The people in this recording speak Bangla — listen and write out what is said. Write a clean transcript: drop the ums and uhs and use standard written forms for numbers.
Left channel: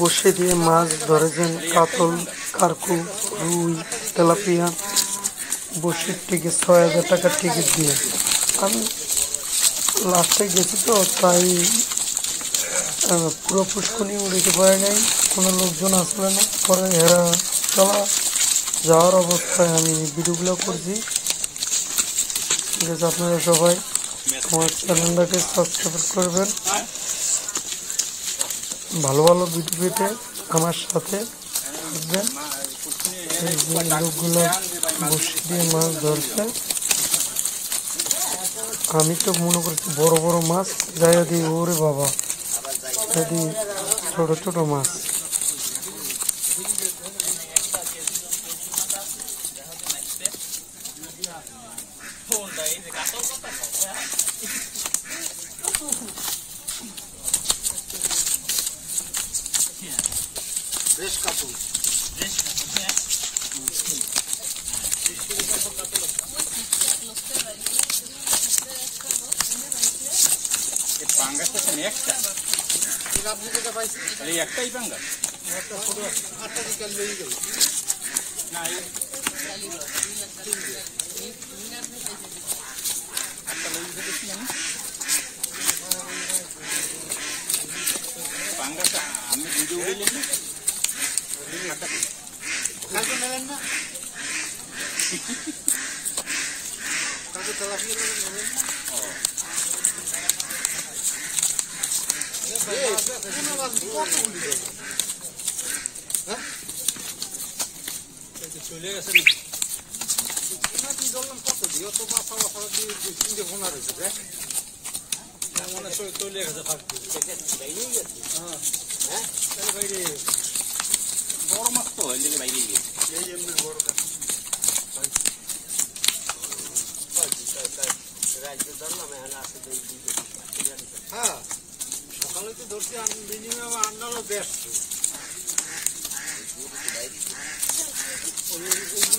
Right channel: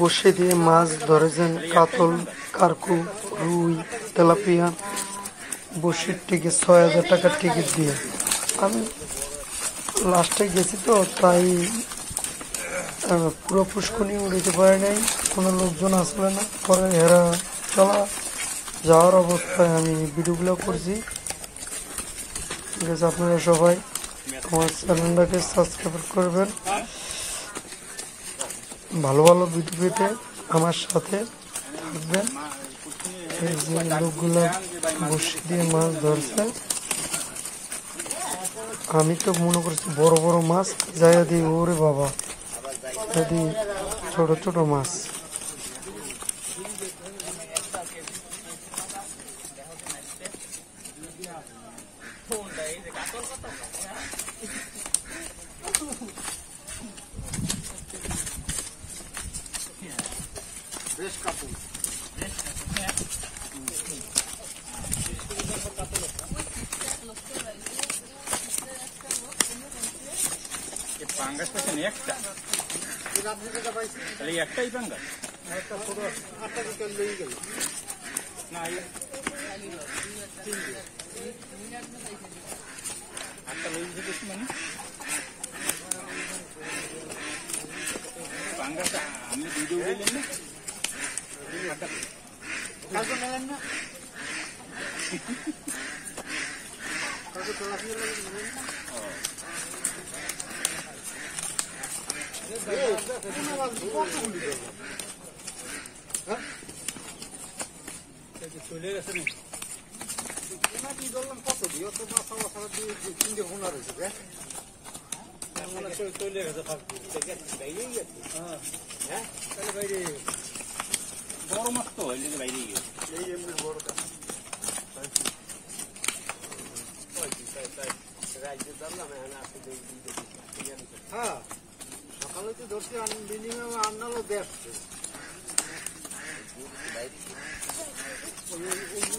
বসে দিয়ে মাছ ধরেছেন কাতল, কারকু, রুই, তেলাপিয়া। বসির টিকিট ৬,০০০ টাকার টিকিট দিয়ে। আমি লাস্টে গেছি তো, তাই পুরো পুষ্করণী উড়িতে পারে নাই, কোনো লোকজন আসলে না। পরে হেরা চলা যাওয়ার অবস্থায় আমি ভিডিওগুলো করছি। ঠিক আছে, আপনারা সবাই আমার চ্যানেলটাকে সাবস্ক্রাইব করবেন। ভালো ভালো ভিডিও পেতে আমার সাথে থাকবেন। এই যে লোকগুলো বসে দিয়ে মাছ ধরছে, আমি তো মনে করছি বড় বড় মাছ, যাইয়া দিই ওরে বাবা, যদি ছোট ছোট মাছ। একটাই পাঙ্গাস আটটা বিকাল লেগে গেল না আমি ভিডিও গেলেন না কালকে নেবেন না কালকে তেলাপিয়া নেবেন না চলে গেছে কত দিয়ে তো মাথা মাথা দিয়ে তিনটে ফোনা রয়েছে চলে গেছে বড় মাছ তো বাইরে এই এমনি বড় হ্যাঁ সকালে তো ধরছি মিনিমাম আন্নালো 150